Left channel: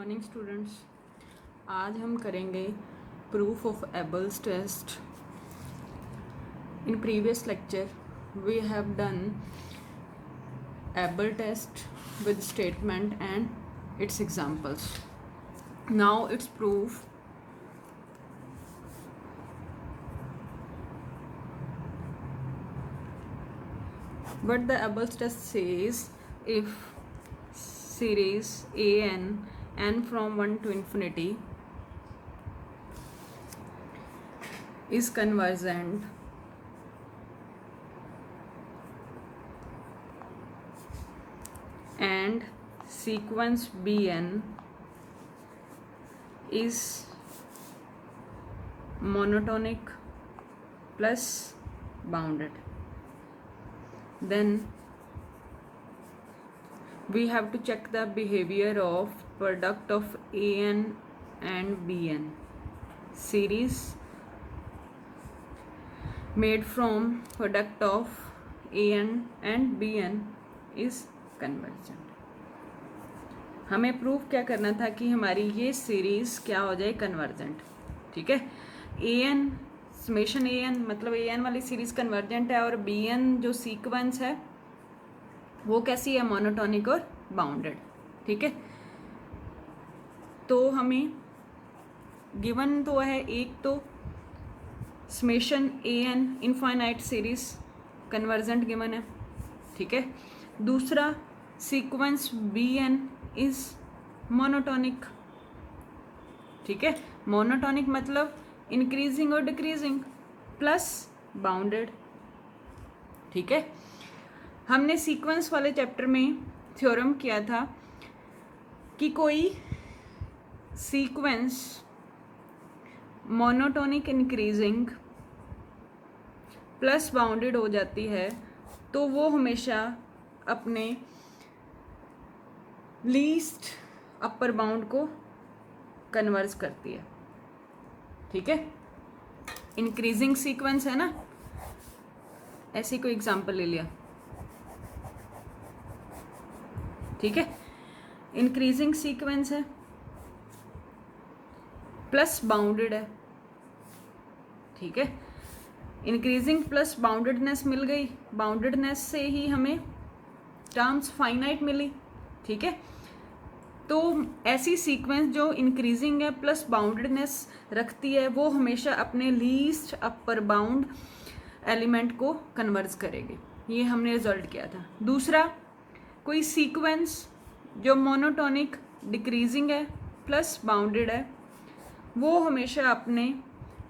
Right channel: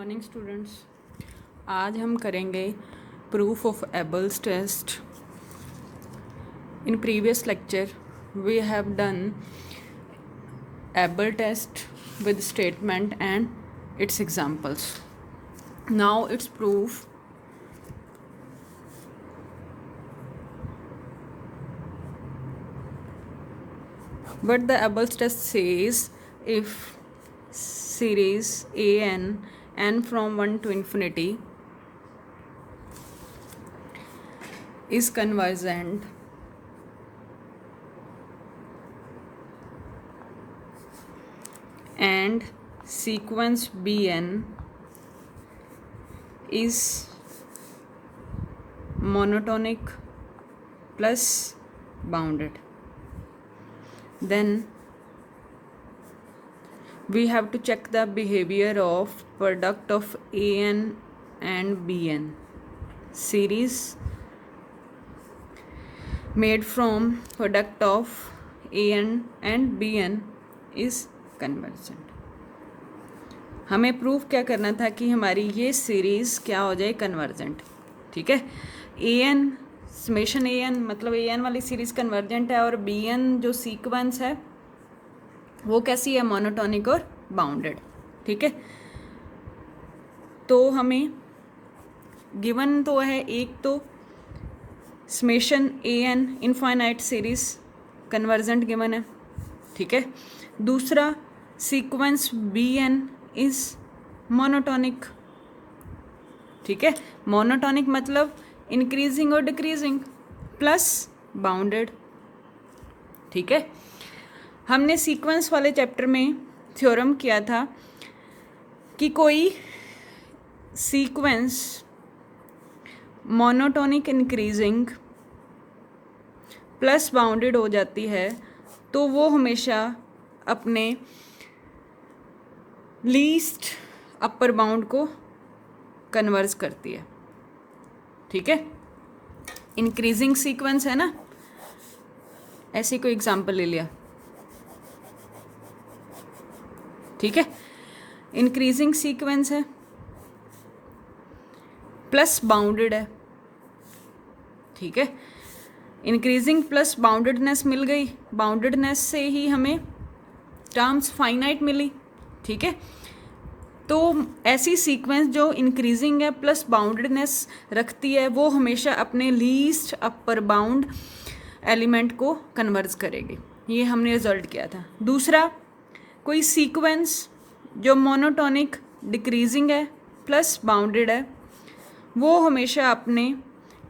Morning students. आज हम करेंगे proof of Abel's test. In previous lecture we have done Abel test with statement and its examples. Now its proof. What the Abel's test says, if series n from 1 to infinity is convergent and sequence Bn is monotonic plus bounded, then we have to check the behavior of product of An and Bn. Series made from product of An and Bn is convergent. हमें proof क्या करना था कि हमारी ये series क्या हो जाए, कन्वर्जेंट। ठीक है, a N summation A N मतलब ए एन वाली सीरीज़ कन्वर्जेंट है और बी एन जो सीक्वेंस है वो कैसी है, मोनोटोनिक और बाउंडेड। ठीक है, तो हमें गिवन तो है एक तो summation A N infinite series convergent given है। ठीक है, दूसरा sequence B N is monotonic. ठीक है, मोनोटोनिक मतलब इंक्रीजिंग और डिक्रीजिंग प्लस बाउंडेड। ठीक है, हमने सीक्वेंस वाले चैप्टर में थ्योरम किया था कि कोई sequence monotonic increasing plus bounded हो जाती है तो वो हमेशा अपने लीस्ट अपर बाउंड को कन्वर्ज करती है। ठीक है, इंक्रीजिंग सीक्वेंस है ना, ऐसे कोई एग्जांपल ले लिया। ठीक है, इंक्रीजिंग सीक्वेंस है प्लस बाउंडेड है। ठीक है, इंक्रीजिंग प्लस बाउंडेडनेस मिल गई, बाउंडेडनेस से ही हमें टर्म्स फाइनाइट मिली। ठीक है, तो ऐसी सीक्वेंस जो इंक्रीजिंग है प्लस बाउंडेडनेस रखती है वो हमेशा अपने लीस्ट अपर बाउंड एलिमेंट को कन्वर्ज करेगी। ये हमने रिजल्ट किया था। दूसरा, कोई सीक्वेंस जो मोनोटोनिक डिक्रीजिंग है प्लस बाउंडेड है वो हमेशा अपने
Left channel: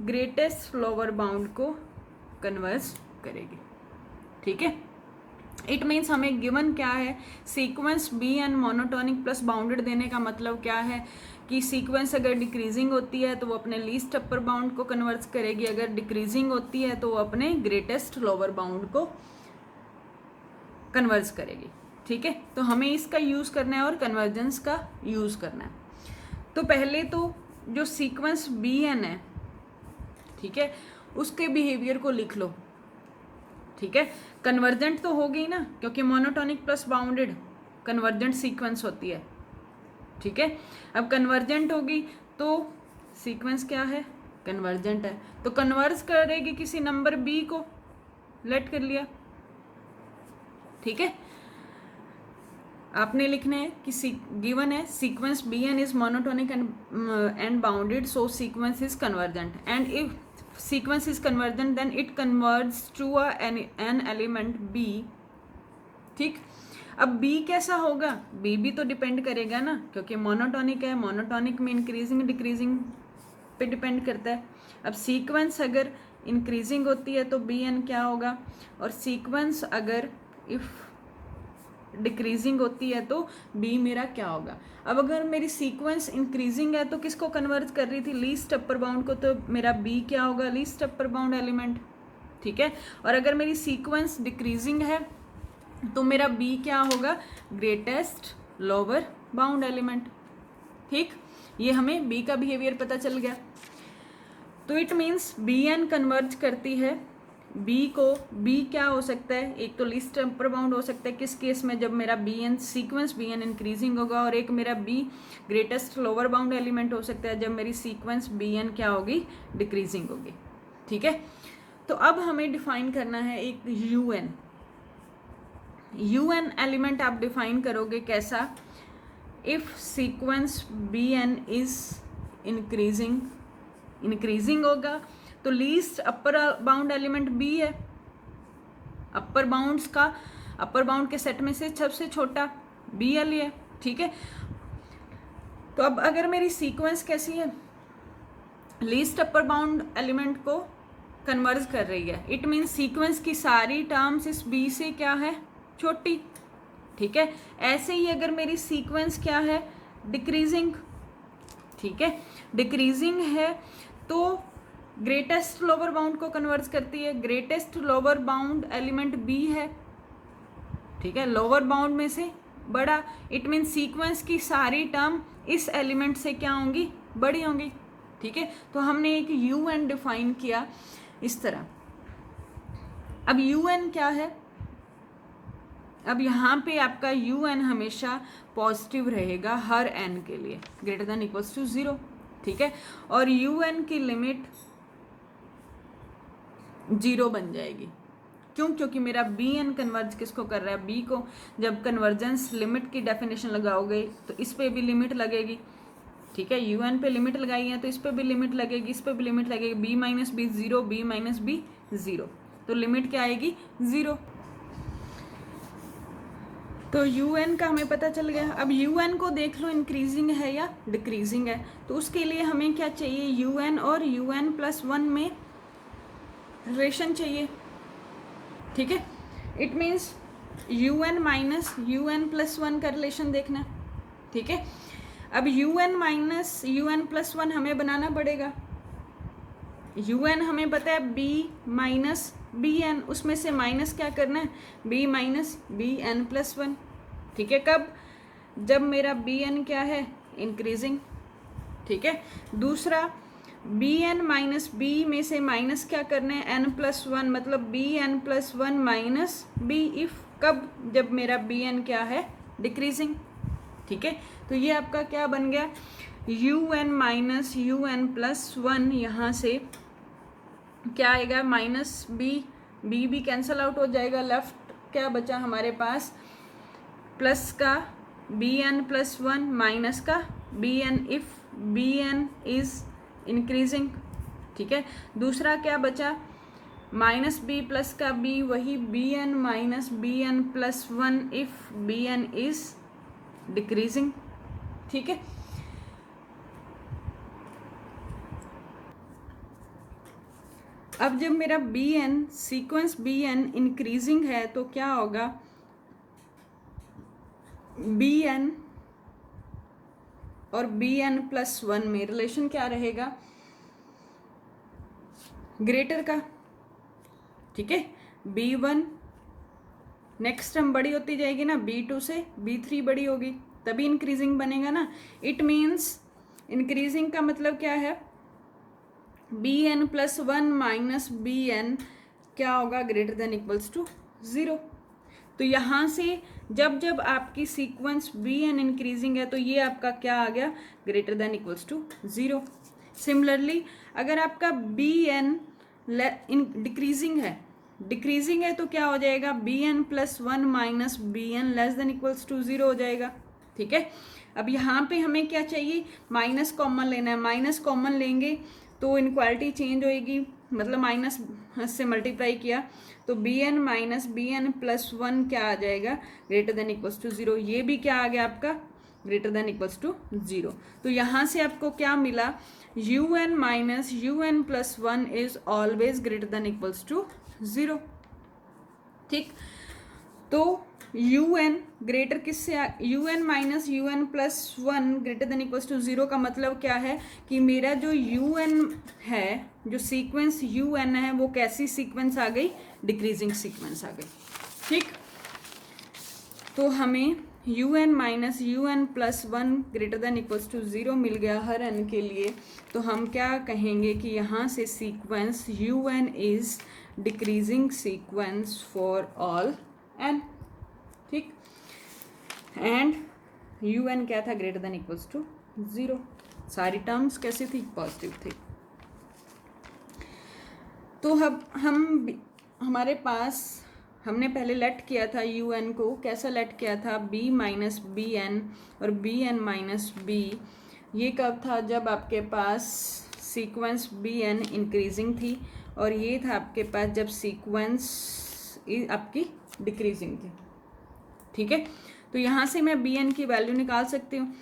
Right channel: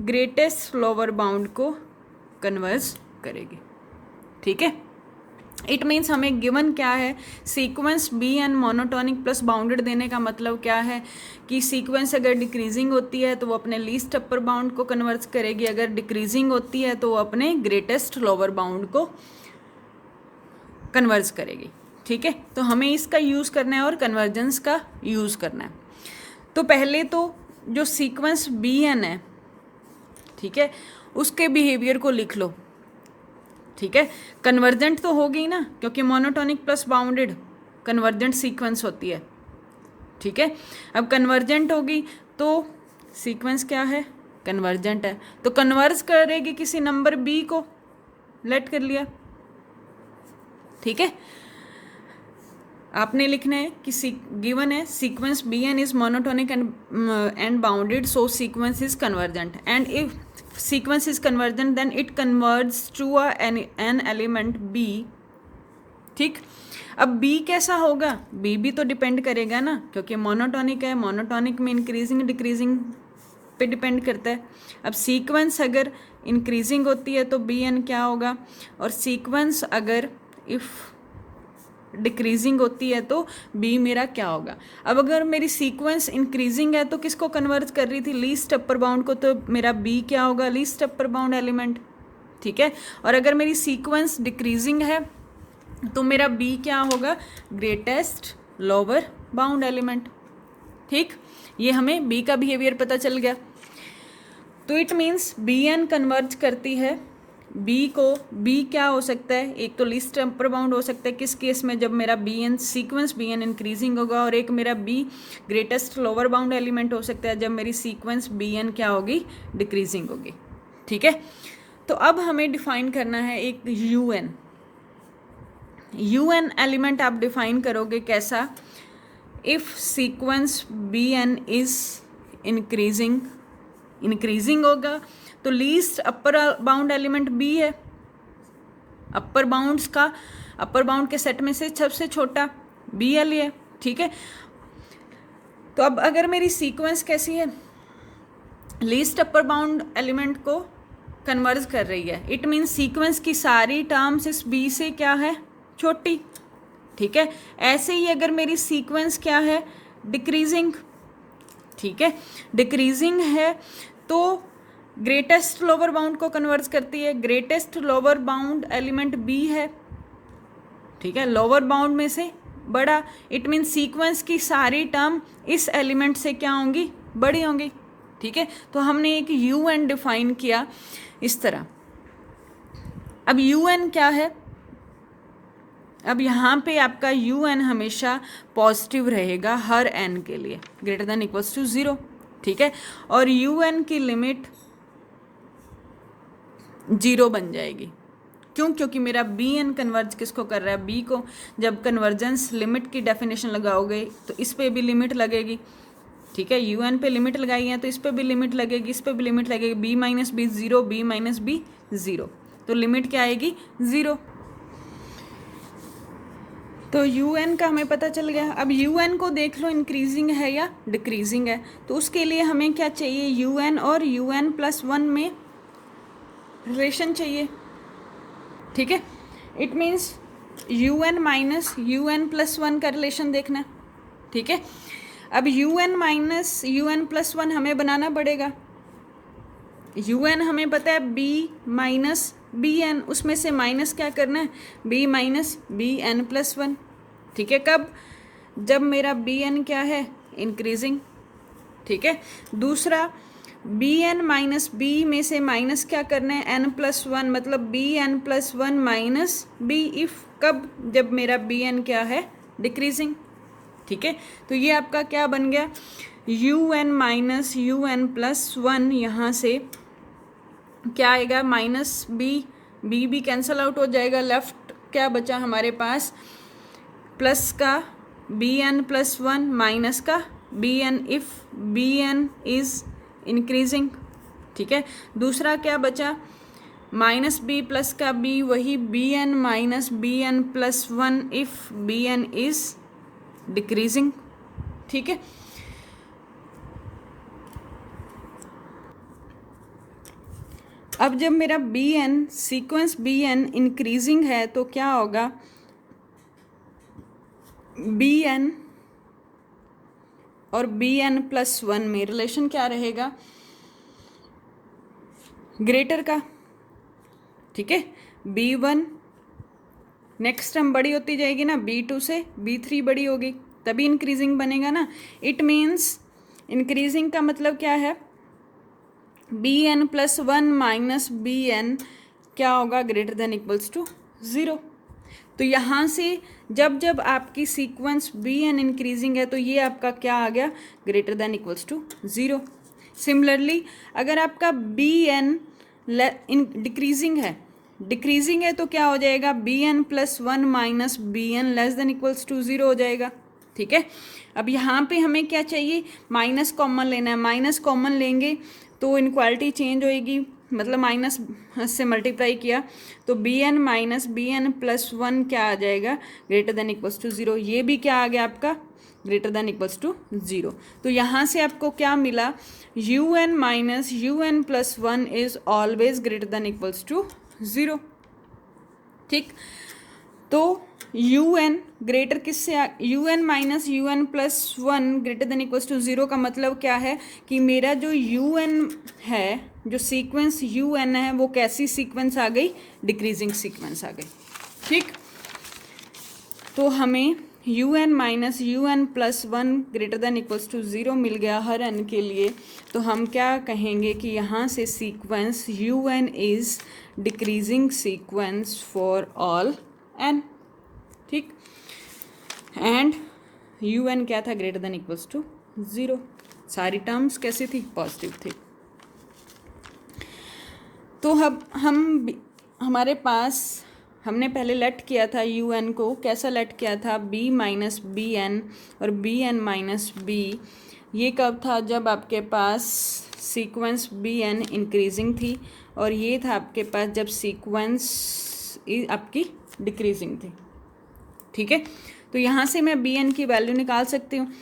ग्रेटेस्ट लोअर बाउंड को कन्वर्ज करेगी। ठीक है, इट मीन्स हमें गिवन क्या है, sequence B N monotonic plus bounded देने का मतलब क्या है कि सीक्वेंस अगर डिक्रीजिंग होती है तो वो अपने लीस्ट अपर बाउंड को कन्वर्ज करेगी, अगर डिक्रीजिंग होती है तो वो अपने ग्रेटेस्ट लोअर बाउंड को कन्वर्ज करेगी। ठीक है, तो हमें इसका यूज़ करना है और कन्वर्जेंस का यूज़ करना है। तो पहले तो जो सीक्वेंस बी एन है, ठीक है, उसके बिहेवियर को लिख लो। ठीक है, कन्वर्जेंट तो होगी ना, क्योंकि monotonic plus bounded convergent sequence होती है। ठीक है, अब कन्वर्जेंट होगी तो सीक्वेंस क्या है, कन्वर्जेंट है, तो कन्वर्ज करेगी किसी नंबर बी को, लेट कर लिया। ठीक है, आपने लिखना है कि गिवन है sequence B N is monotonic and bounded, so sequence is convergent, and if sequence is convergent then it converges to an element b। ठीक, अब b कैसा होगा, b भी तो डिपेंड करेगा ना, क्योंकि मोनोटोनिक है, मोनोटोनिक में इंक्रीजिंग डिक्रीजिंग पे डिपेंड करता है। अब सीक्वेंस अगर इंक्रीजिंग होती है तो bn क्या होगा, और सीक्वेंस अगर इफ डिक्रीजिंग होती है तो बी मेरा क्या होगा। अब अगर मेरी सीक्वेंस इंक्रीजिंग है तो किसको कन्वर्ट कर रही थी, लीस्ट अपर बाउंड को, तो मेरा बी क्या होगा, लीस्ट अपर बाउंड एलिमेंट। ठीक है, और अगर मेरी सीक्वेंस डिक्रीजिंग है तो मेरा बी क्या होगा, ग्रेटेस्ट लोअर बाउंड एलिमेंट। ठीक, ये हमें बी का बिहेवियर पता चल गया। तो it means B N converge करती है बी क्या हो सकता है, एक तो लीस्ट अपर बाउंड हो सकता है किस केस में, जब मेरा B N sequence B N increasing होगा, और एक मेरा B greatest lower bound element हो सकता है जब मेरी सीक्वेंस बी एन क्या होगी, डिक्रीजिंग होगी। ठीक है, तो अब हमें डिफाइन करना है एक यू एन एलिमेंट आप डिफाइन करोगे कैसा, if sequence B N is increasing होगा तो least upper bound element B है, अपर बाउंड के सेट में से सबसे छोटा बी एल है। ठीक है, तो अब अगर मेरी सीक्वेंस कैसी है, लीस्ट अपर बाउंड एलिमेंट को कन्वर्ज कर रही है, इट मीन्स सीक्वेंस की सारी टर्म्स इस बी से क्या है, छोटी। ठीक है, ऐसे ही अगर मेरी सीक्वेंस क्या है, डिक्रीजिंग। ठीक है, डिक्रीजिंग है तो ग्रेटेस्ट लोअर बाउंड को कन्वर्ज करती है, greatest lower bound element B है। ठीक है, लोअर बाउंड में से बड़ा, इट मीन सीक्वेंस की सारी टर्म इस एलिमेंट से क्या होंगी, बड़ी होंगी। ठीक है, तो हमने एक यू एन डिफाइन किया इस तरह। अब यू एन क्या है, अब यहाँ पे आपका यू एन हमेशा पॉजिटिव रहेगा हर एन के लिए ग्रेटर देन इक्वल्स टू 0। ठीक है, और यू एन की लिमिट 0 बन जाएगी। क्यों, क्योंकि मेरा बी एन कन्वर्ज किसको कर रहा है, बी को। जब कन्वर्जेंस लिमिट की डेफिनेशन लगाओगे तो इस पे भी लिमिट लगेगी। ठीक है, यू एन पे लिमिट लगाई है तो इस पे भी लिमिट लगेगी, इस पे भी लिमिट लगेगी, B minus B 0, B minus B 0, तो लिमिट क्या आएगी, 0। तो यू एन का हमें पता चल गया। अब यू एन को देख लो इंक्रीजिंग है या डिक्रीजिंग है, तो उसके लिए हमें क्या चाहिए, यू एन और यू एन प्लस 1 में रिलेशन चाहिए। ठीक है, it means U N minus you N plus 1 का रिलेशन देखना है। ठीक है, अब U N minus you N plus 1 हमें बनाना पड़ेगा। यू एन हमें पता है बी माइनस बी एन, उसमें से माइनस क्या करना है, B minus B N plus 1। ठीक है, कब, जब मेरा बी एन क्या है, इंक्रीजिंग। ठीक है, दूसरा बी एन माइनस बी में से माइनस क्या करना है, एन प्लस 1, मतलब B N plus 1 minus B, if कब, जब मेरा बी एन क्या है, डिक्रीजिंग। ठीक है, तो ये आपका क्या बन गया, U N minus you N plus 1, यहाँ से क्या आएगा, माइनस बी भी कैंसल आउट हो जाएगा, लेफ्ट क्या बचा हमारे पास, प्लस का बी एन प्लस 1 माइनस का B N if B N is increasing. ठीक है, दूसरा क्या बचा, माइनस बी प्लस का बी, वही B N minus B N plus 1 if B N is decreasing. ठीक है, अब जब मेरा B N sequence B N increasing है तो क्या होगा, बी एन और बी एन प्लस 1 में रिलेशन क्या रहेगा, ग्रेटर का। ठीक है, B1 नेक्स्ट टर्म बड़ी होती जाएगी ना, B2 से B3 बड़ी होगी, तभी इंक्रीजिंग बनेगा ना। इट मीन्स इंक्रीजिंग का मतलब क्या है, B N plus 1 minus B N क्या होगा, ग्रेटर देन इक्वल्स टू 0। तो यहाँ से जब जब आपकी सीक्वेंस बी एन इंक्रीजिंग है तो ये आपका क्या आ गया, greater than equals to 0। Similarly अगर आपका बी एन डिक्रीजिंग है तो क्या हो जाएगा, B N plus 1 minus B N less than equals to 0 हो जाएगा। ठीक है, अब यहाँ पे हमें क्या चाहिए, माइनस कॉमन लेना है, माइनस कॉमन लेंगे तो इनक्वालिटी चेंज होएगी, मतलब माइनस से मल्टीप्लाई किया तो B N minus B N plus 1 क्या आ जाएगा, ग्रेटर देन इक्वल्स टू 0। ये भी क्या आ गया आपका, ग्रेटर देन इक्वल्स टू 0। तो यहाँ से आपको क्या मिला, U N minus you N plus 1 is always greater than equals to 0। ठीक, तो यू एन ग्रेटर किससे, U N minus you N plus 1 greater than equals to 0 का मतलब क्या है कि मेरा जो यू एन है, जो सीक्वेंस यू एन है वो कैसी सीक्वेंस आ गई, डिक्रीजिंग सीक्वेंस आ गई। ठीक, तो हमें u N minus you N plus one greater than equals to zero मिल गया हर एन के लिए, तो हम क्या कहेंगे कि यहाँ से sequence U N is decreasing sequence for all N, ठीक। एंड यू एन क्या था, greater than equals to zero. सारी टर्म्स कैसी थी, पॉजिटिव थी। तो अब हमारे पास हमने पहले लेट किया था यू एन को, कैसा लेट किया था, बी माइनस बी एन और बी एन माइनस बी। ये कब था, जब आपके पास सीक्वेंस बी एन इंक्रीजिंग थी, और ये था आपके पास जब सीक्वेंस आपकी डिक्रीजिंग थी, ठीक है। तो यहाँ से मैं बी एन की वैल्यू निकाल सकती हूँ।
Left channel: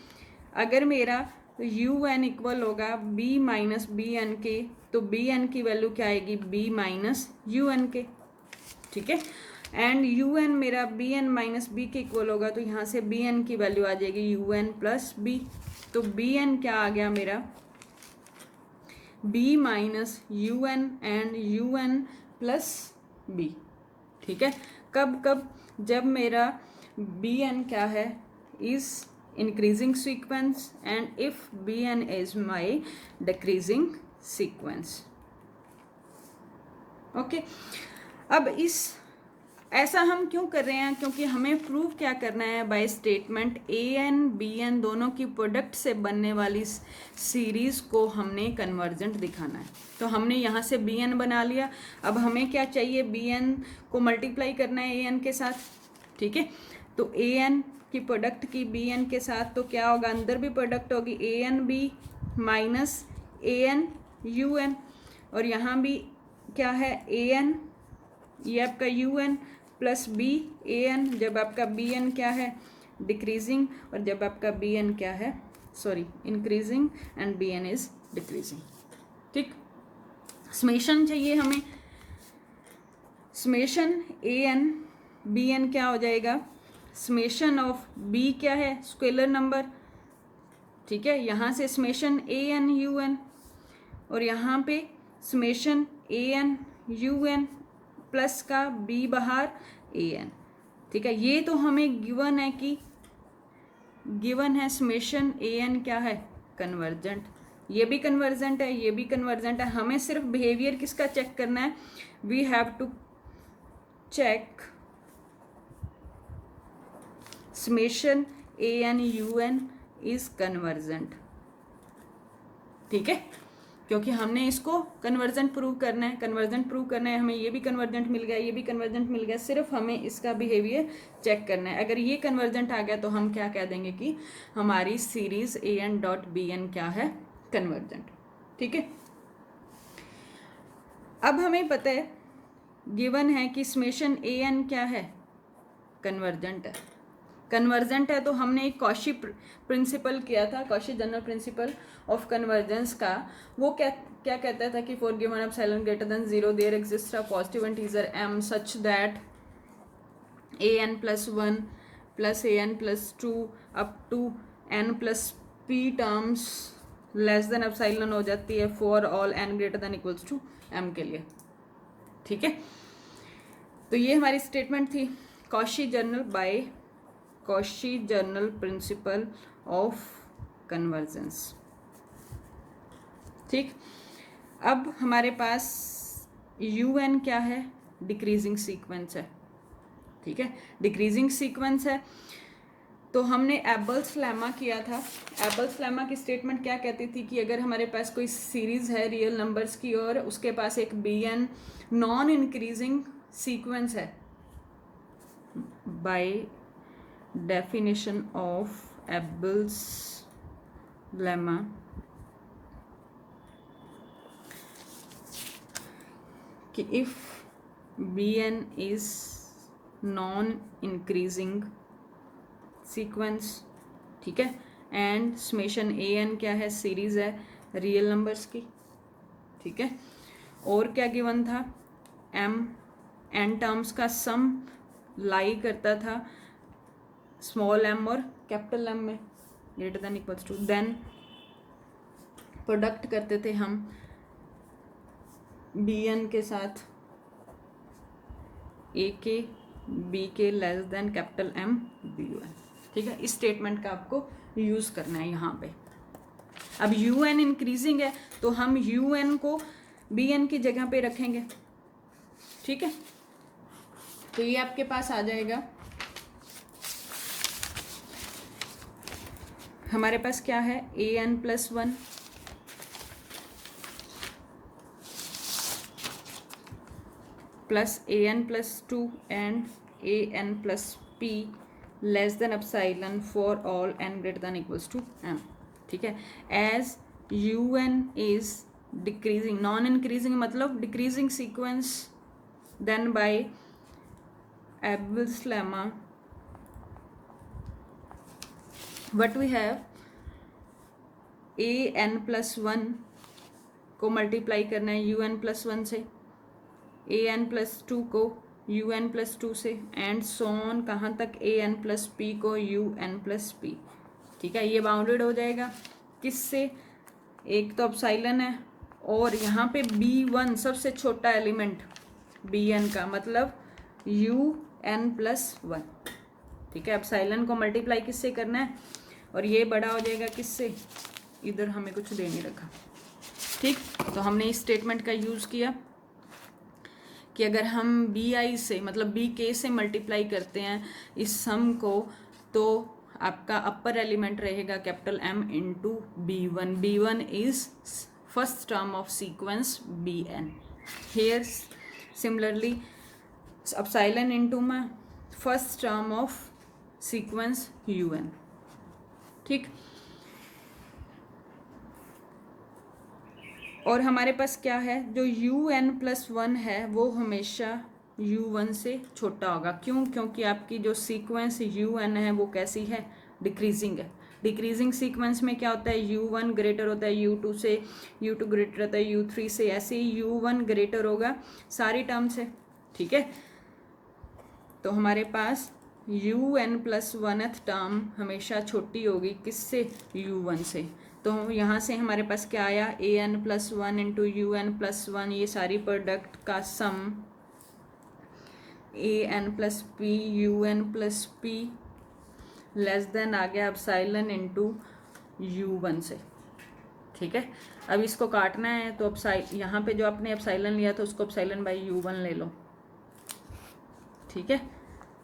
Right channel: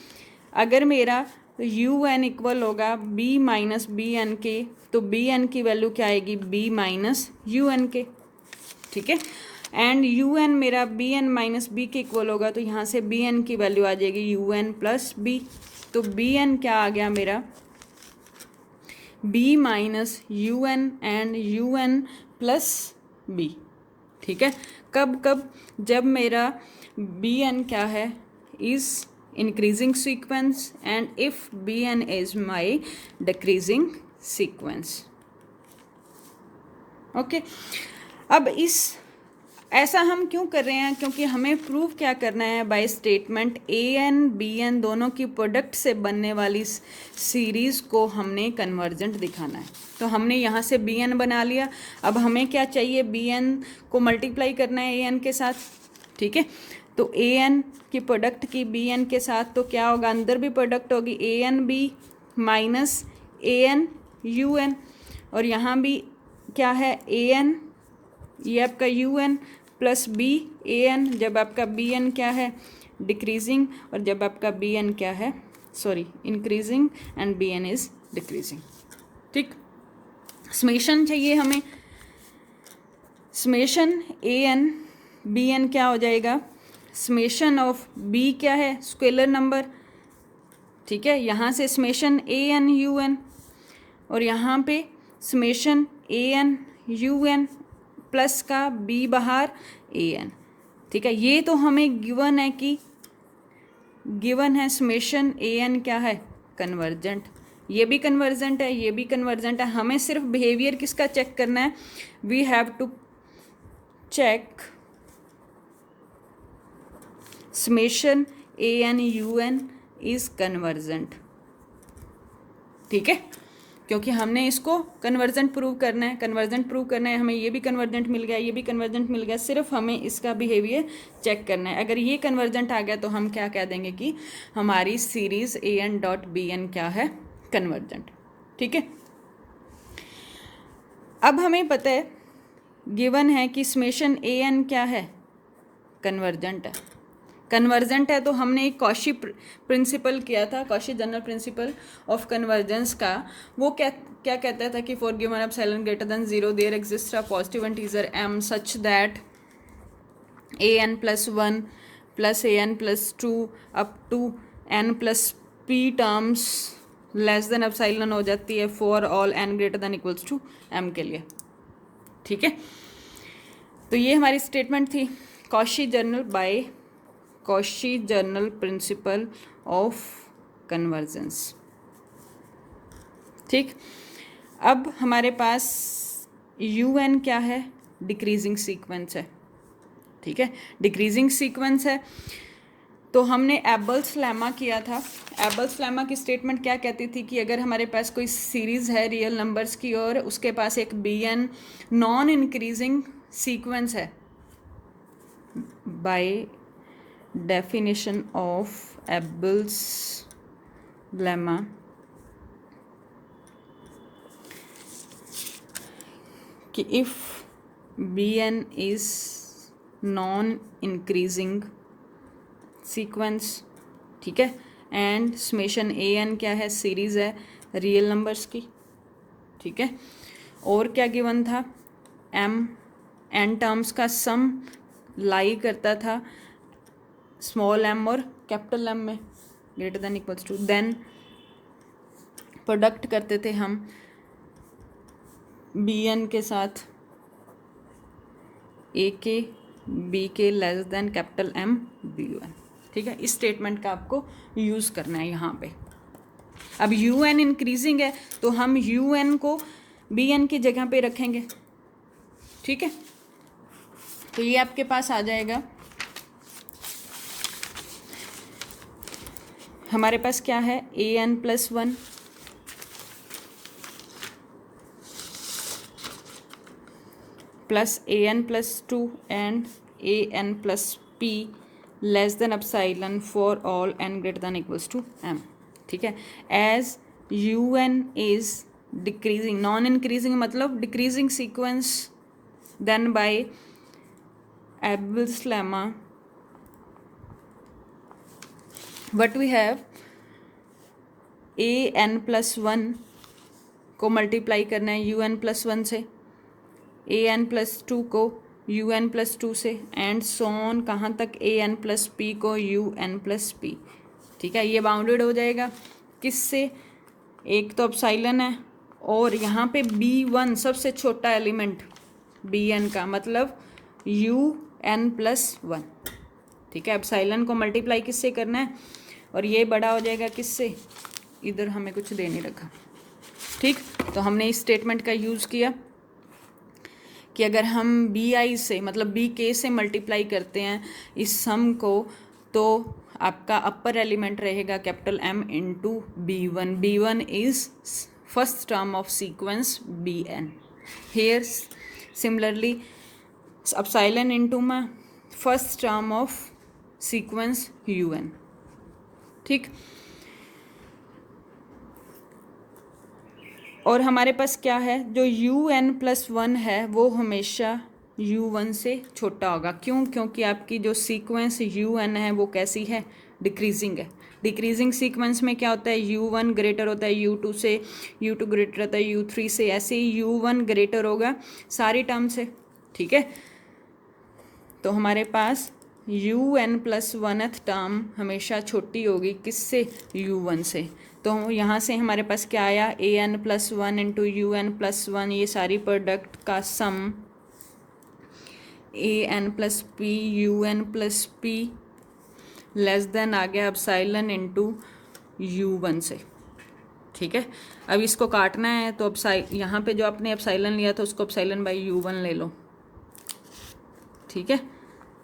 अगर मेरा यू एन इक्वल होगा बी माइनस बी एन के, तो बी एन की वैल्यू क्या आएगी, बी माइनस यू एन के, ठीक है। एंड यू एन मेरा बी एन माइनस बी के इक्वल होगा, तो यहाँ से बी एन की वैल्यू आ जाएगी यू एन प्लस बी। तो बी एन क्या आ गया मेरा, B minus you N and U N plus B, ठीक है। कब कब, जब मेरा बी एन क्या है, is increasing sequence and if bn is my decreasing sequence, okay. अब ऐसा हम क्यों कर रहे हैं, क्योंकि हमें प्रूव क्या करना है, by statement A N B N दोनों की प्रोडक्ट से बनने वाली सीरीज़ को हमने कन्वर्जेंट दिखाना है। तो हमने यहाँ से बी एन बना लिया। अब हमें क्या चाहिए, बी एन को मल्टीप्लाई करना है ए एन के साथ, ठीक है। तो ए एन की प्रोडक्ट की बी एन के साथ, तो क्या होगा, अंदर भी प्रोडक्ट होगी a N b minus a N you N, और यहाँ भी क्या है ए एन, ये आपका u N plus b a n, जब आपका बी एन क्या है, डिक्रीजिंग, और जब आपका बी एन क्या है, sorry increasing, and B N is decreasing, ठीक। समेशन चाहिए हमें, summation A N B N क्या हो जाएगा, समेशन ऑफ बी क्या है, स्केलर नंबर, ठीक है। यहाँ से summation A N you N, और यहाँ पे summation A N you N plus का बी बाहर ए एन, ठीक है। ये तो हमें गिवन है कि गिवन है समेशन ए एन क्या है, कन्वर्जेंट। ये भी कन्वर्जेंट है, ये भी कन्वर्जेंट है। हमें सिर्फ बिहेवियर किसका चेक करना है, we have to check summation A N you N is convergent, ठीक है, क्योंकि हमने इसको कन्वर्जेंट प्रूव करना है, कन्वर्जेंट प्रूव करना है। हमें ये भी कन्वर्जेंट मिल गया, ये भी कन्वर्जेंट मिल गया, सिर्फ हमें इसका बिहेवियर चेक करना है। अगर ये कन्वर्जेंट आ गया तो हम क्या कह देंगे कि हमारी series A N dot B N क्या है, कन्वर्जेंट, ठीक है। अब हमें पता है, गिवन है कि समेशन ए एन क्या है, कन्वर्जेंट है। कन्वर्जेंट है तो हमने एक कॉशी प्रिंसिपल किया था, Cauchy general principle of convergence का। वो क्या क्या कहता था कि for given epsilon greater than 0 there exist a positive integer m such that A N plus one plus A N plus two up to N plus P terms less than epsilon हो जाती है for all N greater than equals to m के लिए, ठीक है। तो ये हमारी स्टेटमेंट थी, Cauchy general principle of convergence, ठीक। अब हमारे पास यू एन क्या है, डिक्रीजिंग सीक्वेंस है, ठीक है, डिक्रीजिंग सीक्वेंस है। तो हमने एबल्स लेमा किया था। एबल्स लेमा की स्टेटमेंट क्या कहती थी कि अगर हमारे पास कोई सीरीज़ है रियल नंबर्स की और उसके पास एक B N non increasing sequence है, by definition of Abel's lemma, कि if Bn is non-increasing sequence, ठीक है, एंड समेशन ए एन क्या है, सीरीज है रियल नंबर्स की, ठीक है। और क्या गिवन था, एम एन टर्म्स का सम लाई करता था स्मॉल एम और कैपिटल एम में greater than equals to, then product करते थे हम बी एन के साथ ए K B K less than capital M B N, ठीक है, इस स्टेटमेंट का आपको यूज़ करना है यहाँ पे। अब यू एन इंक्रीजिंग है तो हम यू एन को बी एन की जगह पे रखेंगे, ठीक है। तो ये आपके पास आ जाएगा, हमारे पास क्या है, a N plus 1 plus A N plus 2 and a N plus p less than epsilon for all N greater than equals to m, ठीक है। As u N is decreasing, non increasing मतलब decreasing sequence, then by Abel's lemma what we have, a n plus 1 को multiply करना है u n plus 1 से, a n plus 2 को u n plus 2 से, and so on कहाँ तक a n plus p को u n प्लस p, ठीक है। ये बाउंडेड हो जाएगा किससे, एक तो एप्सिलॉन है और यहाँ पे b1 सबसे छोटा एलिमेंट bn का मतलब u n प्लस 1, ठीक है। एप्सिलॉन को मल्टीप्लाई किससे करना है और ये बड़ा हो जाएगा किससे, इधर हमें कुछ दे नहीं रखा, ठीक। तो हमने इस स्टेटमेंट का यूज़ किया कि अगर हम बी आई से मतलब बी के से मल्टीप्लाई करते हैं इस सम को, तो आपका अपर एलिमेंट रहेगा capital M into B1. B1 is first term of sequence Bn. Here similarly epsilon into my first term of sequence un, ठीक। और हमारे पास क्या है, जो un प्लस 1 है वो हमेशा u1 से छोटा होगा, क्यों, क्योंकि आपकी जो सीक्वेंस un है वो कैसी है, डिक्रीजिंग है। डिक्रीजिंग सीक्वेंस में क्या होता है, u1 ग्रेटर होता है u2 से, u2 ग्रेटर होता है u3 से, ऐसे ही u1 ग्रेटर होगा सारी टर्म से, ठीक है। तो हमारे पास un प्लस 1th टर्म हमेशा छोटी होगी किससे, u1 से। तो यहाँ से हमारे पास क्या आया, an plus 1 into un plus 1, ये सारी प्रोडक्ट का sum an plus p un plus p less than आ गया एप्सिलॉन इंटू u1 से, ठीक है। अब इसको काटना है तो यहाँ पे जो आपने एप्सिलॉन लिया था उसको एप्सिलॉन बाई u1 ले लो, ठीक है।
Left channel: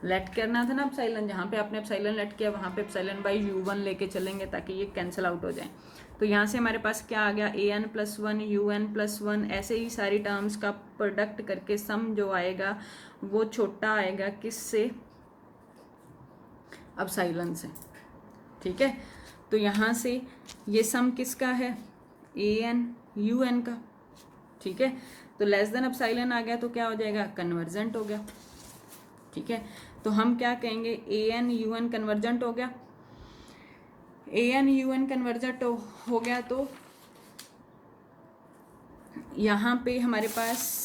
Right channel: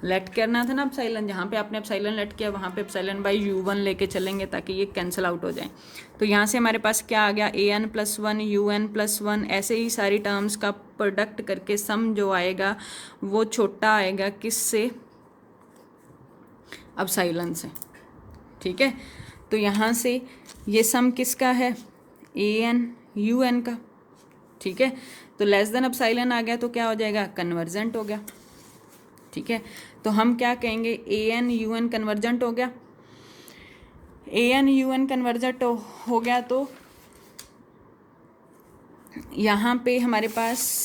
लेट करना था ना एप्सिलॉन, जहाँ पे आपने एप्सिलॉन लेट किया वहाँ पे एप्सिलॉन बाई u1 लेके चलेंगे ताकि ये कैंसिल आउट हो जाए। तो यहाँ से हमारे पास क्या आ गया, an प्लस 1 un प्लस 1, ऐसे ही सारी टर्म्स का प्रोडक्ट करके सम जो आएगा वो छोटा आएगा किससे, एप्सिलॉन से, ठीक है। तो यहाँ से ये सम किसका है, an un का, ठीक है। तो लेस देन एप्सिलॉन आ गया तो क्या हो जाएगा, कन्वर्जेंट हो गया, ठीक है। तो हम क्या कहेंगे, an un कन्वर्जेंट हो गया, an un कन्वर्जेंट हो गया तो यहाँ पे हमारे पास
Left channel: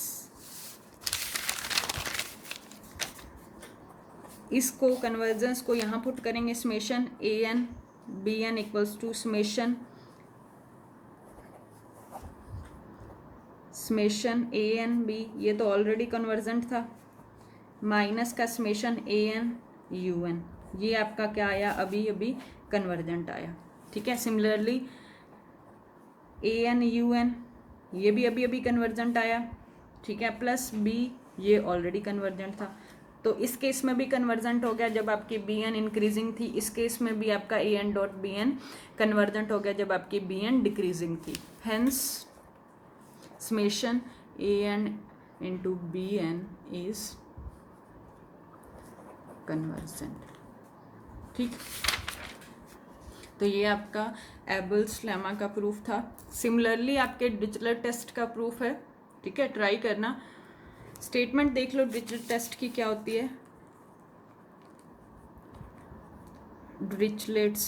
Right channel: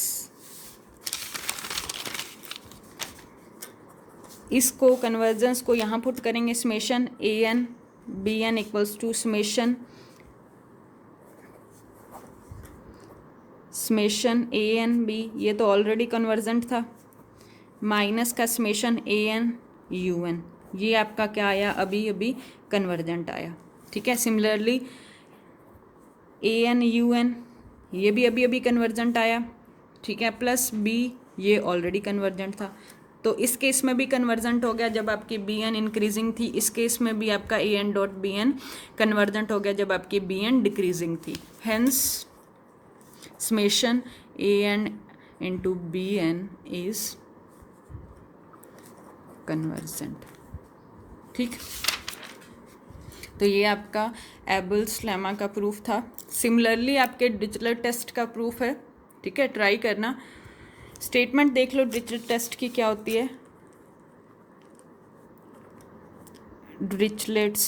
इसको कन्वर्जेंस को यहाँ पुट करेंगे, summation an bn equals to summation an b, ये तो ऑलरेडी कन्वर्जेंट था, माइनस का समेशन an un, ये आपका क्या आया, अभी अभी कन्वर्जेंट आया, ठीक है। सिमिलरली an un, ये भी अभी अभी कन्वर्जेंट आया, ठीक है, प्लस b, ये ऑलरेडी कन्वर्जेंट था। तो इस केस में भी कन्वर्जेंट हो गया जब आपकी bn इंक्रीजिंग थी, इस केस में भी आपका an डॉट bn कन्वर्जेंट हो गया जब आपकी bn डिक्रीजिंग थी। Hence summation an into bn is convergent, ठीक। तो ये आपका एबल्स लेमा का प्रूफ था। सिमिलरली आपके डिरिचलेट टेस्ट का प्रूफ है, ठीक है, ट्राई करना। स्टेटमेंट देख लो डिरिचलेट टेस्ट की क्या होती है, डिरिचलेट्स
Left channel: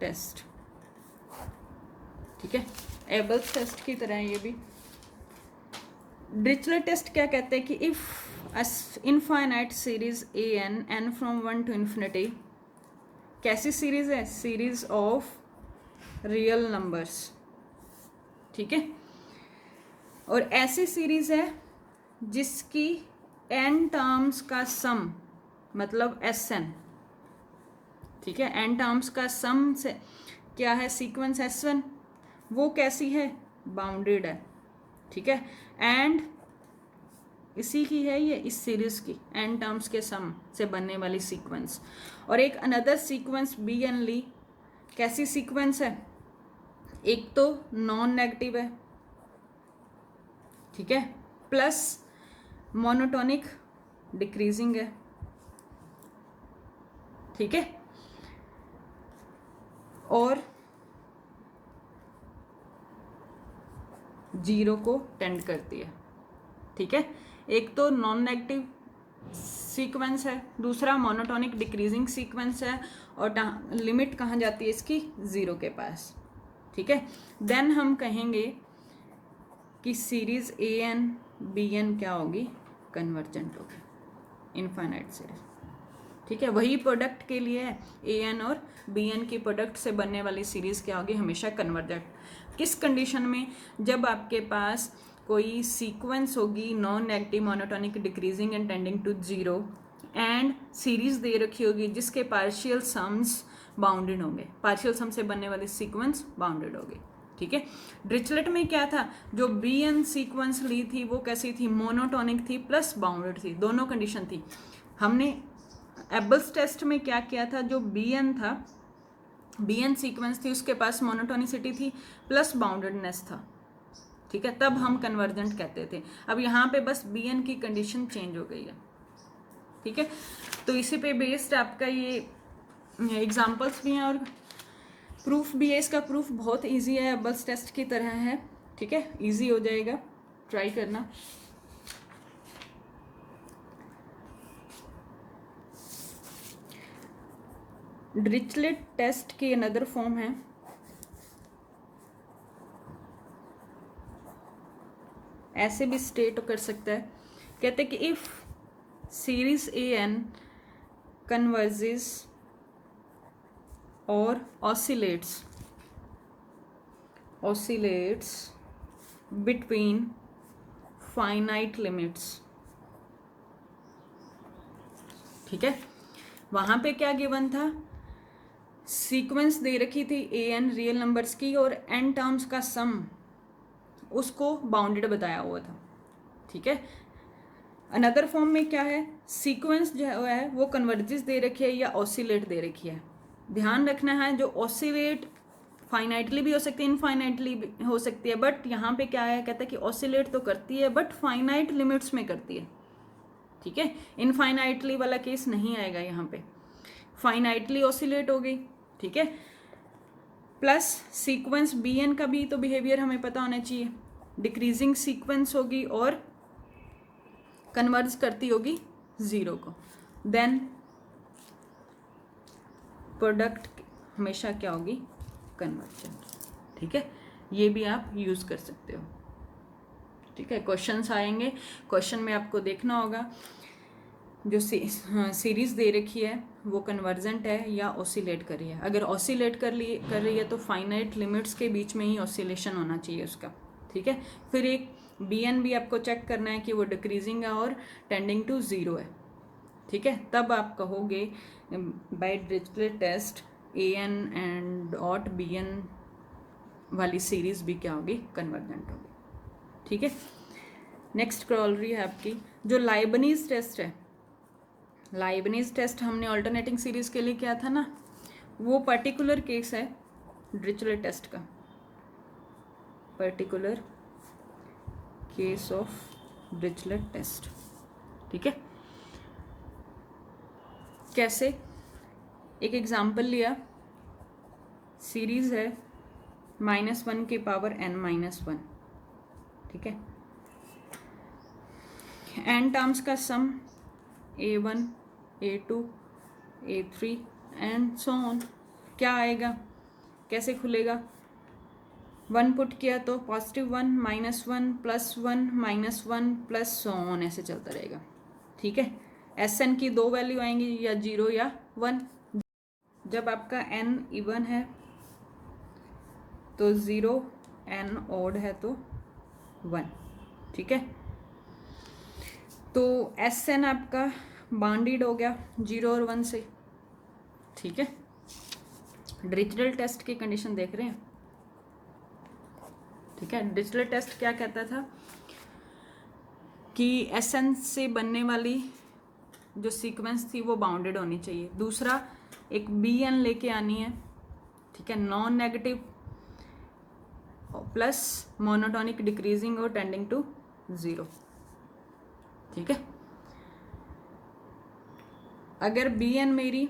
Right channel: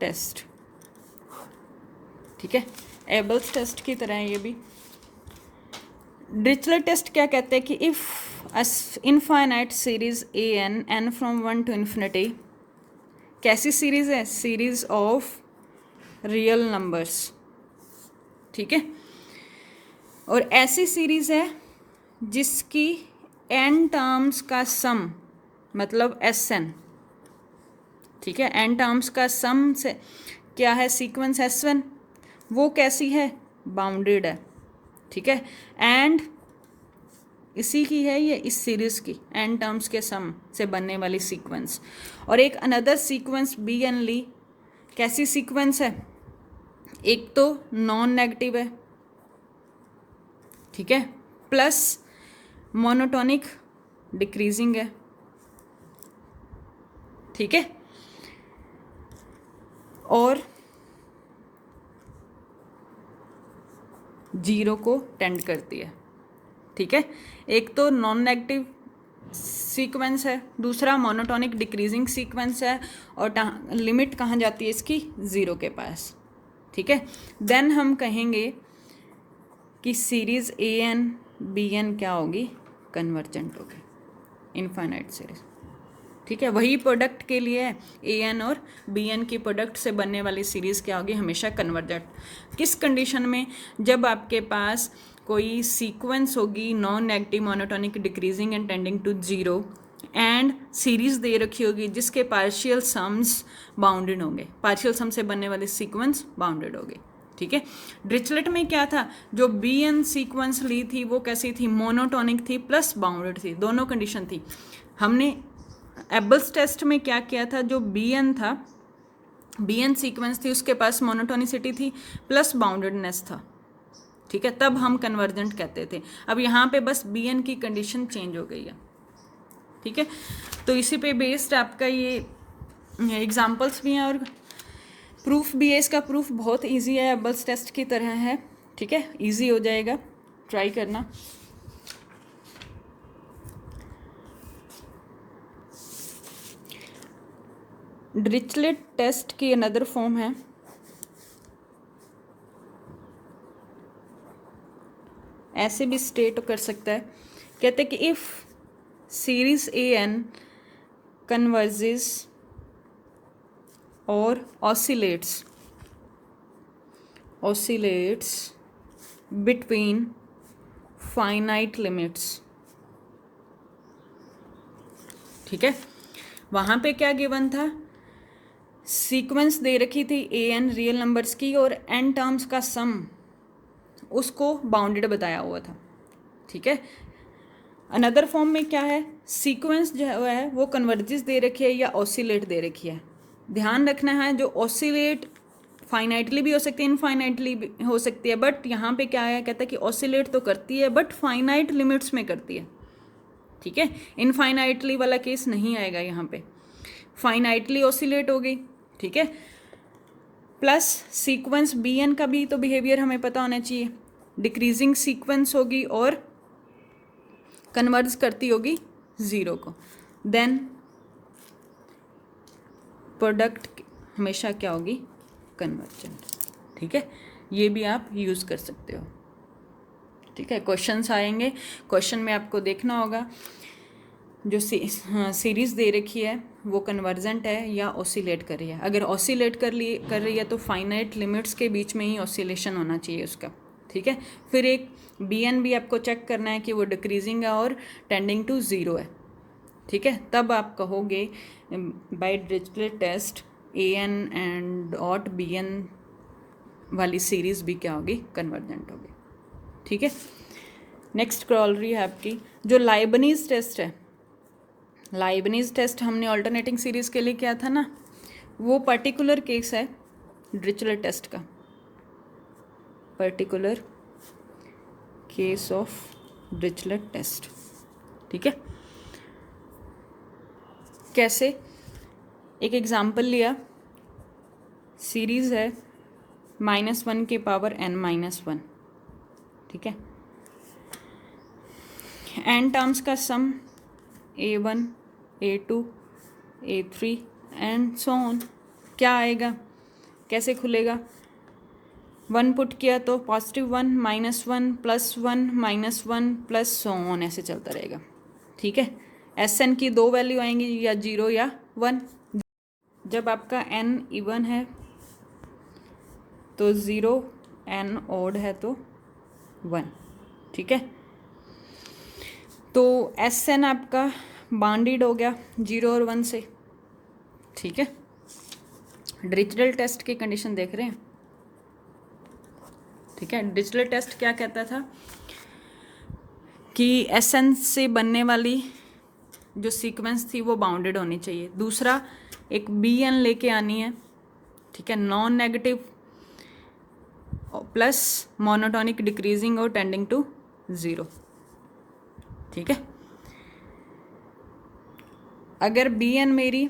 टेस्ट, ठीक है, एबल्स टेस्ट की तरह है ये भी। डिरिचलेट टेस्ट क्या कहते हैं कि if infinite series n from 1 to infinity, कैसी सीरीज है, सीरीज ऑफ रियल नंबर्स, ठीक है। और ऐसी सीरीज है जिसकी n टर्म्स का सम मतलब Sn, ठीक है। एन टर्म्स का सम से क्या है, सीक्वेंस S1, वो कैसी है, बाउंडेड है, ठीक है। एंड इसी की है ये, इस सीरीज की एन टर्म्स के सम से बनने वाली सीक्वेंस। और एक अनदर सीक्वेंस बी एन ली, कैसी सीक्वेंस है, एक तो नॉन नेगेटिव है, ठीक है, प्लस मोनोटोनिक डिक्रीजिंग है, ठीक है, और जीरो को टेंड करती है, ठीक है। एक तो नॉन नेगेटिव सीक्वेंस है, दूसरा मोनोटोनिक डिक्रीजिंग सीक्वेंस है, और लिमिट कहाँ जाती है इसकी, ज़ीरो के पास, ठीक है। देन हम कहेंगे कि series A N B N क्या होगी, कन्वर्जेंट होगी, इनफाइनाइट सीरीज, ठीक है। वही प्रोडक्ट के लिए है, ए एन और बी एन की प्रोडक्ट से बनने वाली सीरीज़ क्या होगी, हमेशा कन्वर्जेंट। किस कंडीशन में, जब आपके पास कोई सीक्वेंस होगी non negative monotonic decreasing and tending to zero, and series दे रखी होगी जिसके पार्शियल सम्स बाउंडेड होंगे, पार्शियल सम से बनने वाली सीक्वेंस बाउंडेड होगी, ठीक है। डिरिचलेट में क्या था, जो बी एन सीक्वेंस ली थी वो कैसी थी, मोनोटोनिक थी प्लस बाउंडेड थी, दोनों कंडीशन थी। हमने एबल्स टेस्ट में क्या किया था, जो बी एन था, बी एन सीक्वेंस थी, उसके पास मोनोटोनिसिटी थी प्लस बाउंडेडनेस था, ठीक है, तब हम कन्वर्जेंट कहते थे। अब यहाँ पे बस बी एन की कंडीशन चेंज हो गई है, ठीक है। तो इसी पे बेस्ड आपका ये एग्जांपल्स भी हैं और प्रूफ भी है। इसका प्रूफ बहुत इजी है, एबल्स टेस्ट की तरह है, ठीक है, इजी हो जाएगा, ट्राई करना। डिरिचलेट टेस्ट की अनदर फॉर्म है, ऐसे भी स्टेट कर सकता है, कहते हैं कि if series A N converges और oscillates between finite limits, ठीक है। वहाँ पे क्या गिवन था, सीक्वेंस दे रखी थी ए एन रियल नंबर्स की और एन टर्म्स का सम उसको बाउंडेड बताया हुआ था, ठीक है। अनदर फॉर्म में क्या है, सीक्वेंस जो है वो कन्वर्जेस दे रखी है या ऑसिलेट दे रखी है। ध्यान रखना है, जो ऑसिलेट फाइनाइटली भी हो सकती है, इनफाइनाइटली भी हो सकती है, बट यहाँ पे क्या है, कहता है कि ऑसिलेट तो करती है बट फाइनाइट लिमिट्स में करती है, ठीक है। इनफाइनाइटली वाला केस नहीं आएगा यहाँ पे, फाइनाइटली ऑसिलेट हो गई, ठीक है। प्लस सीक्वेंस बी एन का भी तो बिहेवियर हमें पता होना चाहिए, डिक्रीजिंग सीक्वेंस होगी और कन्वर्ज करती होगी ज़ीरो को, देन प्रोडक्ट हमेशा क्या होगी, कन्वर्जेंट, ठीक है। ये भी आप यूज़ कर सकते हो, ठीक है। क्वेश्चंस आएंगे, क्वेश्चन में आपको देखना होगा जो सीरीज़ दे रखी है वो कन्वर्जेंट है या ऑसिलेट कर रही है। अगर ऑसिलेट कर रही है तो फाइनाइट लिमिट्स के बीच में ही ऑसिलेशन होना चाहिए उसका, ठीक है। फिर एक बी एन भी आपको चेक करना है कि वो डिक्रीजिंग है और टेंडिंग टू ज़ीरो है, ठीक है। तब आप कहोगे by Dirichlet test A N and ऑट बी एन वाली सीरीज़ भी क्या होगी, कन्वर्जेंट होगी, ठीक है। नेक्स्ट क्रॉलरी है आपकी जो लाइबनीज टेस्ट है। लाइबनीज टेस्ट हमने ऑल्टरनेटिंग सीरीज़ के लिए किया था ना, वो पर्टिकुलर केस है डिरिचलेट टेस्ट का, particular case of Dirichlet test, ठीक है। कैसे, एक एग्जाम्पल लिया, सीरीज़ है -1 के पावर n-1, ठीक है। एन टर्म्स का सम a1 a2 a3 and so on, क्या आएगा, कैसे खुलेगा, 1 पुट किया तो +1 -1 +1 -1 प्लस सो ऑन, ऐसे चलता रहेगा, ठीक है। एस एन की दो वैल्यू आएंगी, या 0 या 1। जब आपका n इवन है तो 0, n ऑड है तो 1, ठीक है। तो एस एन आपका बाउंडेड हो गया 0 और 1 से, ठीक है। डिरिचलेट टेस्ट की कंडीशन देख रहे हैं, ठीक है। डिरिचलेट टेस्ट क्या कहता था कि Sn से बनने वाली जो सीक्वेंस थी वो बाउंडेड होनी चाहिए। दूसरा एक Bn लेके आनी है, ठीक है, non negative plus monotonic decreasing और टेंडिंग टू 0, ठीक है। अगर Bn मेरी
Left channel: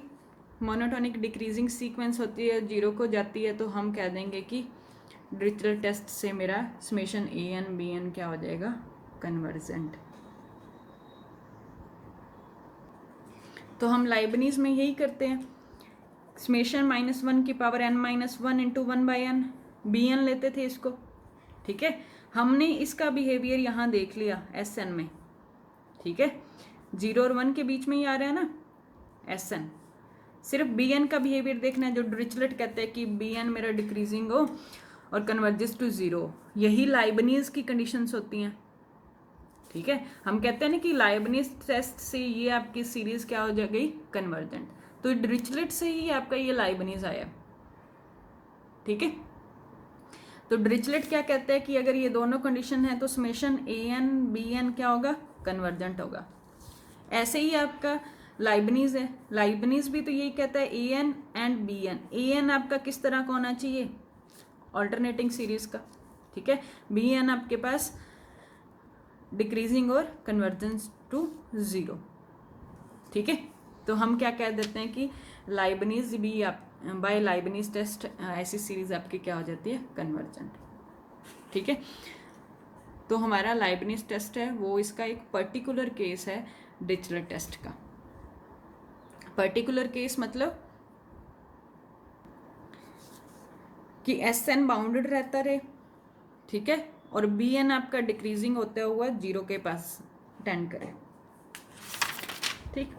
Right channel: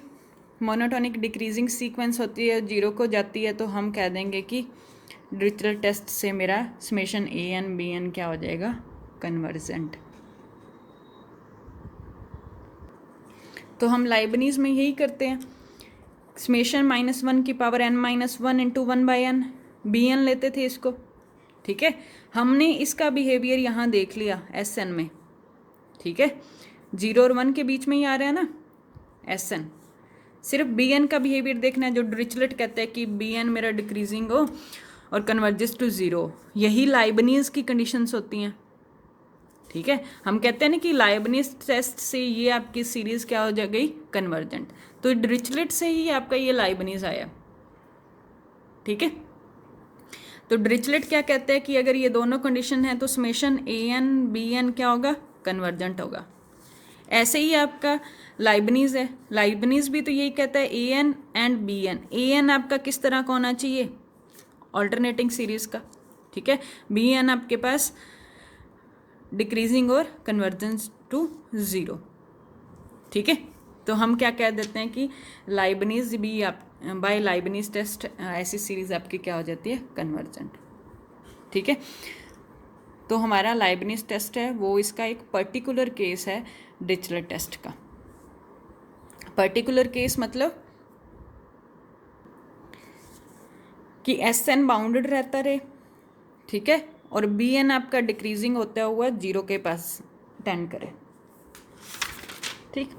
मोनोटोनिक डिक्रीजिंग सीक्वेंस होती है, 0 को जाती है, तो हम कह देंगे कि डिरिचलेट टेस्ट से मेरा समेशन An Bn क्या हो जाएगा, कन्वर्जेंट। तो हम लाइबनीज में यही करते हैं, समेशन -1 की power n-1 into 1/n Bn लेते थे इसको, ठीक है। हमने इसका बिहेवियर यहाँ देख लिया Sn में, ठीक है, 0 और 1 के बीच में ही आ रहा है ना Sn। सिर्फ Bn का बिहेवियर देखना है, जो डिरिचलेट कहता है कि Bn मेरा डिक्रीजिंग हो और कन्वर्जेस टू 0। यही लाइबनीज की कंडीशंस होती हैं, ठीक है। हम कहते हैं ना कि लाइबनीज टेस्ट से ये आपकी सीरीज क्या हो जा गई, कन्वर्जेंट। तो डिरिचलेट से ही आपका ये लाइबनीज आया, ठीक है। तो डिरिचलेट क्या कहता है कि अगर ये दोनों कंडीशन है तो समेशन An Bn क्या होगा, कन्वर्जेंट होगा। ऐसे ही आपका लाइबनीज है, लाइबनीज भी तो यही कहता है An एंड Bn। An आपका किस तरह का होना चाहिए, ऑल्टरनेटिंग सीरीज का, ठीक है। Bn आपके पास डिक्रीजिंग और कन्वर्जेंस टू 0, ठीक है। तो हम क्या कह देते हैं कि लाइबनीज भी आप बाय लाइबनीज टेस्ट ऐसी सीरीज आपकी क्या हो जाती है, कन्वर्जेंट, ठीक है। तो हमारा लाइबनीज टेस्ट है वो इसका एक पर्टिकुलर केस है डिरिचलेट टेस्ट का। पर्टिकुलर केस मतलब कि Sn बाउंडेड रहता रहे, ठीक है, और Bn आपका डिक्रीजिंग होता हुआ 0 के पास टेंड करे, ठीक।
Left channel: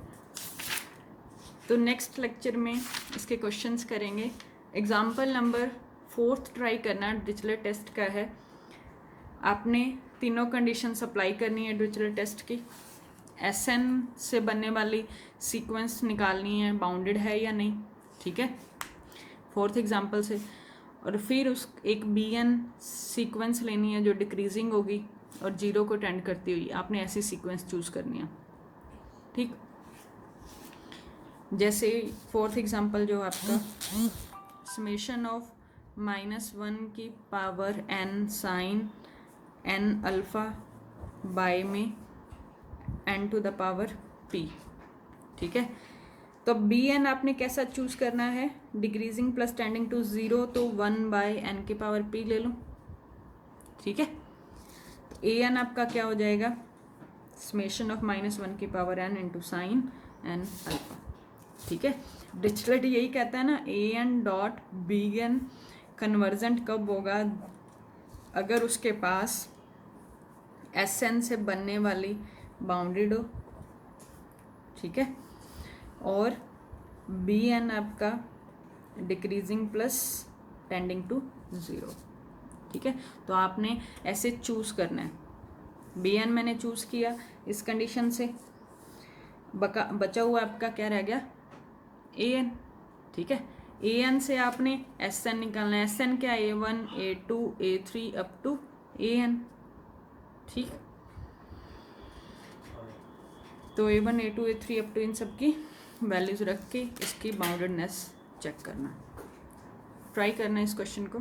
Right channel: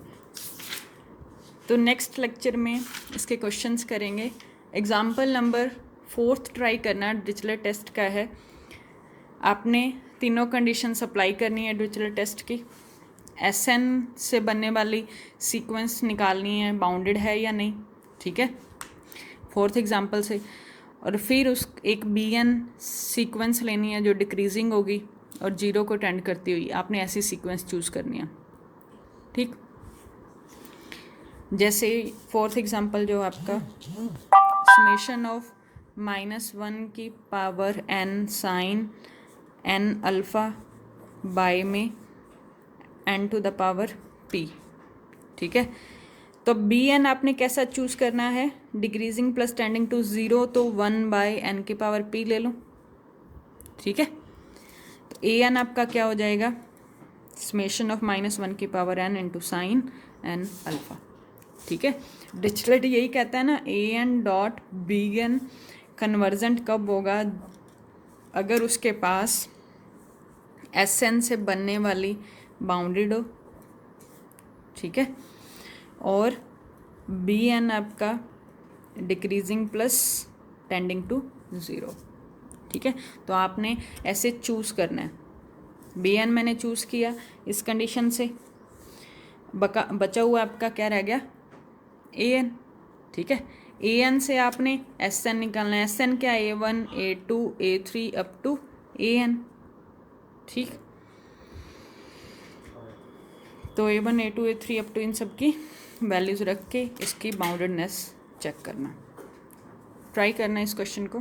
तो नेक्स्ट लेक्चर में इसके क्वेश्चंस करेंगे। एग्जाम्पल नंबर 4 ट्राई करना डिरिचलेट टेस्ट का है। आपने तीनों कंडीशन अप्लाई करनी है डिरिचलेट टेस्ट की। Sn से बनने वाली सीक्वेंस निकालनी है, बाउंडेड है या नहीं, ठीक है, 4th एग्जाम्पल से। और फिर उस एक Bn सीक्वेंस लेनी है जो डिक्रीजिंग होगी और 0 को टेंड करती हुई, आपने ऐसी सीक्वेंस चूज़ करनी है, ठीक। जैसे 4th एग्जाम्पल जो आपका समेशन ऑफ -1 की power n sine n alpha by में n to the power p, ठीक है। तो Bn आपने कैसा चूज़ करना है, डिक्रीजिंग प्लस टेंडिंग टू 0, तो 1/n की पावर p ले लो, ठीक है। तो An आपका क्या हो जाएगा, समेशन ऑफ -1 की power n into sine n alpha, ठीक है। डिरिचलेट यही कहता है ना, An डॉट Bn कन्वर्जेंट कब होगा, अगर उसके पास Sn से बनने वाली बाउंडेड हो, ठीक है, और Bn आपका डिक्रीजिंग प्लस टेंडिंग टू 0, ठीक है। तो आपने ऐसे चूज़ करना है। Bn मैंने चूज़ किया इस कंडीशन से, बचा हुआ आपका क्या रह गया, An, ठीक है। An से आपने Sn निकालना है। Sn क्या, A1 A2 A3 up to An, ठीक। तो A1 A2 A3 up to इन सब की वैल्यूज़ रख के इसकी बाउंडेडनेस चेक करना, ट्राई करना इस क्वेश्चन को।